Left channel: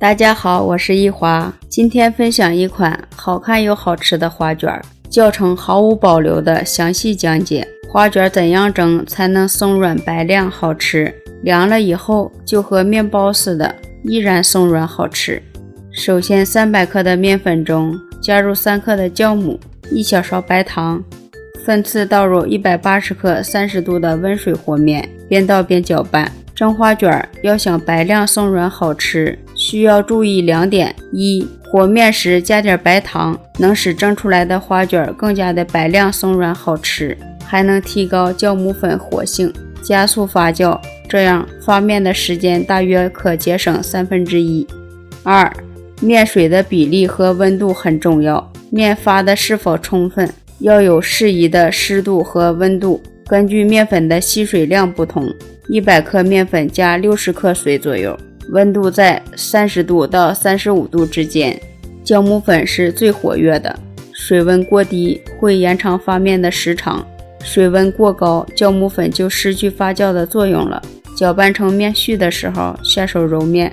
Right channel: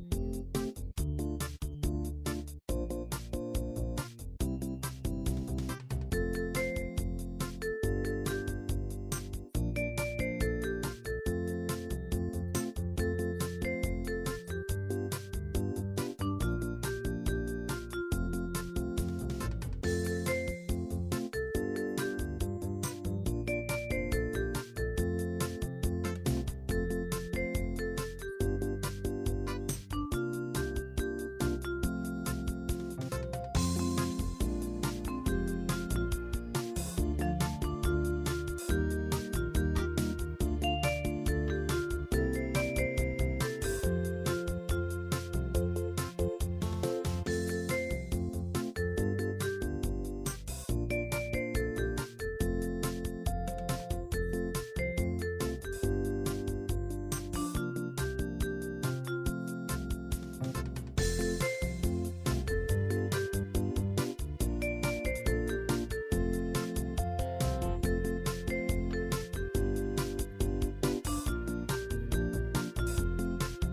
大家好，我是一华，今天分享一款好看又好吃的花卷，教程毫无保留的详细讲解花卷怎样蒸才能松软白亮好吃，凉了以后就和面包似的，依然松软好吃。首先300克的面粉中加入3克的酵母，1小勺白糖，分次倒入180克30度的温水和面，边倒边搅拌。蒸花卷要想白亮松软好吃，需要注意2点：一、和面时加点白糖，能使蒸出来的花卷更加的白亮松软好吃，还能提高酵母粉活性，加速发酵，这样发面的时间大约可节省1/3。二、面水的比例和温度很重要，面发的是否充分，要有适宜的湿度和温度，根据面粉的吸水量不同，100克面粉加60克水左右，温度在30度到35度之间。酵母粉是最活跃的，水温过低会延长发面的时长，水温过高，酵母粉就失去发酵的作用了。搅拌成面絮的时候，下手揉面。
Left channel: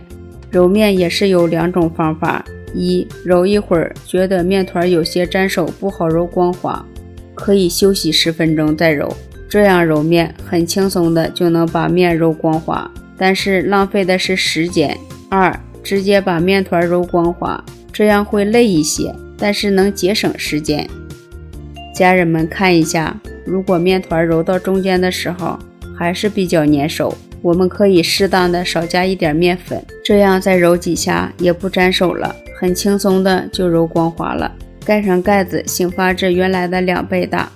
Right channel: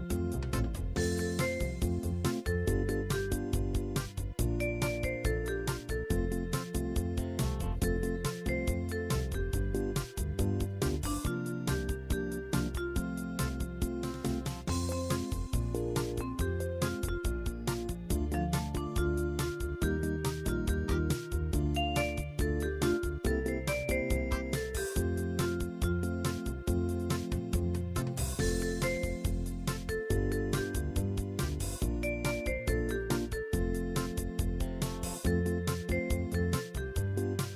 揉面也是有2种方法：一、揉一会儿，觉得面团有些粘手不好揉光滑，可以休息10分钟再揉，这样揉面很轻松的就能把面揉光滑，但是浪费的是时间。二、直接把面团揉光滑，这样会累一些，但是能节省时间。家人们看一下，如果面团揉到中间的时候还是比较粘手，我们可以适当的少加一点面粉，这样再揉几下也不粘手了，很轻松的就揉光滑了。盖上盖子，醒发至原来的2倍大。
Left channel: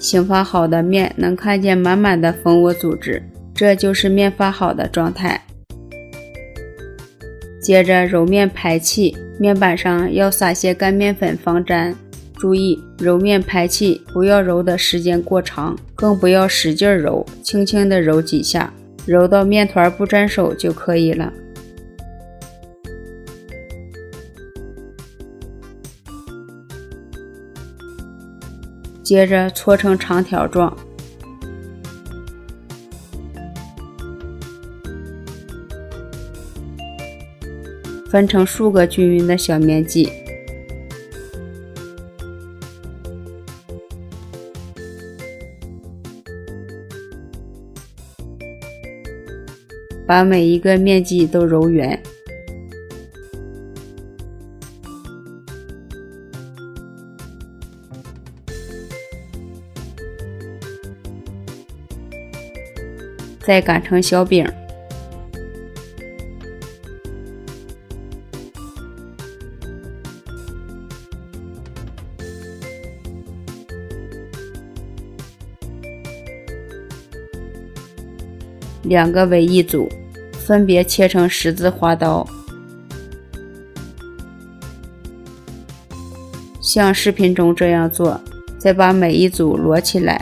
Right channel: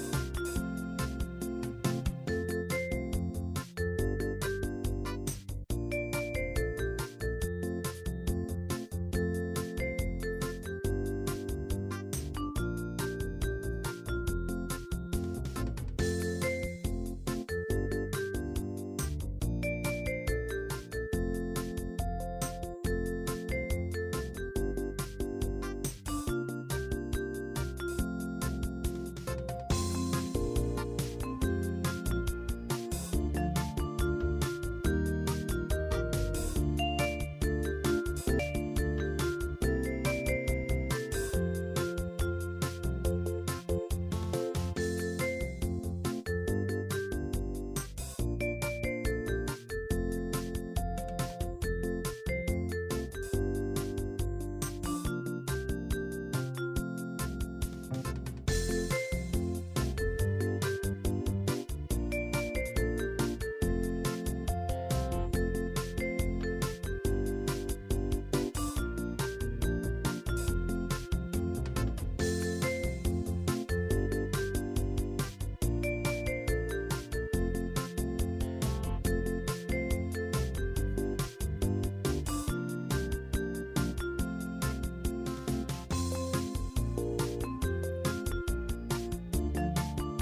醒发好的面能看见满满的蜂窝组织，这就是面发好的状态。接着揉面排气，面板上要撒些干面粉防粘。注意揉面排气，不要揉的时间过长，更不要使劲揉，轻轻的揉几下，揉到面团不粘手就可以了。接着搓成长条状，分成数个均匀的小面剂。把每一个面剂都揉圆，再擀成小饼。2个为一组，分别切成十字花刀，像视频中这样做，再把每一组摞起来。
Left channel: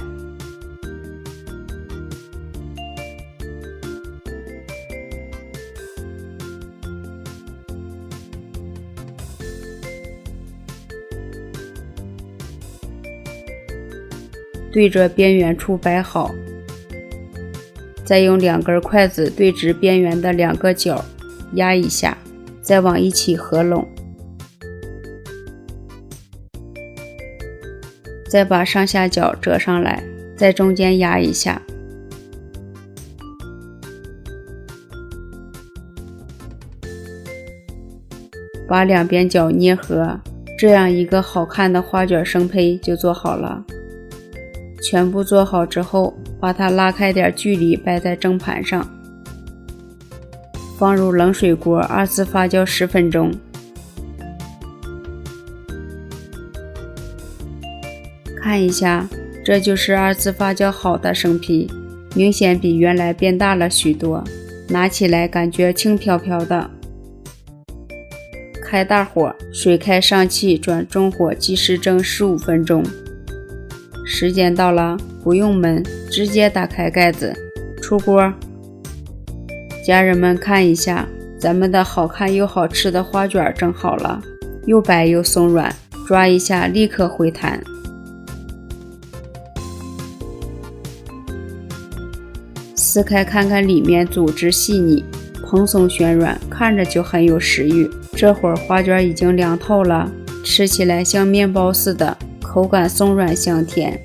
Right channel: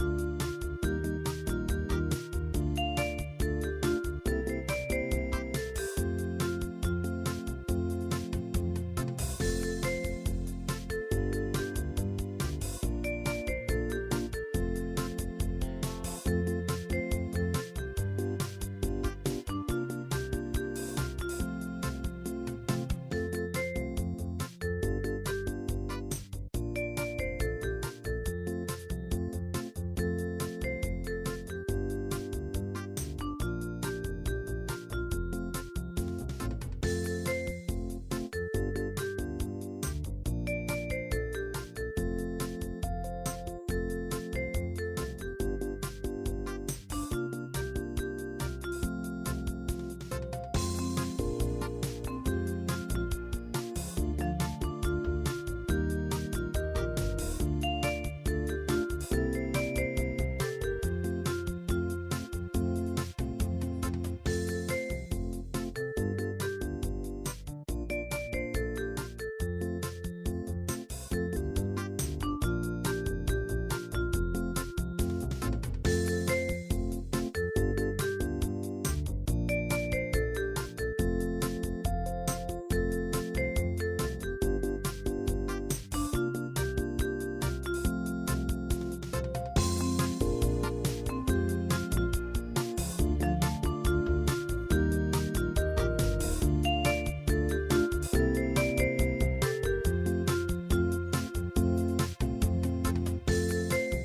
对着边缘处摆好，再用2根筷子对直边缘的2个角压一下，再往一起合拢，再把上下角折上来，在中间压一下，把2边角捏合，这样一个好看的花卷生胚就做好了。全部做好之后，把它拉开点距离摆在蒸盘上，放入冷水锅2次发酵10分钟。看一下，这就是2次发酵好的生坯，明显比原来变大了许多，拿起来感觉轻飘飘的。开大火，水开上气，转中火计时蒸15分钟。时间到了，不用焖，直接打开盖子，出锅。家人们看一下，咱们的好看又好吃的花卷蒸好了，又白又松软，抓一下立刻回弹。撕开看看里面组织细腻，蓬松暄软，看着就很有食欲。这会儿花卷已经凉透了，吃起来像面包似的，口感松软香甜。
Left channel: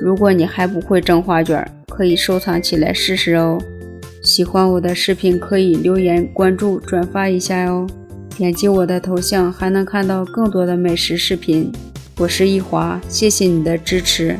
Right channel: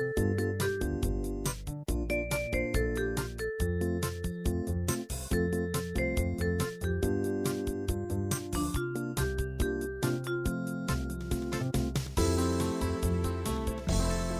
如果你还不会蒸花卷，可以收藏起来试试哦。喜欢我的视频可以留言、关注、转发一下哦。点击我的头像还能看到更多的美食视频。我是一华，谢谢你的支持。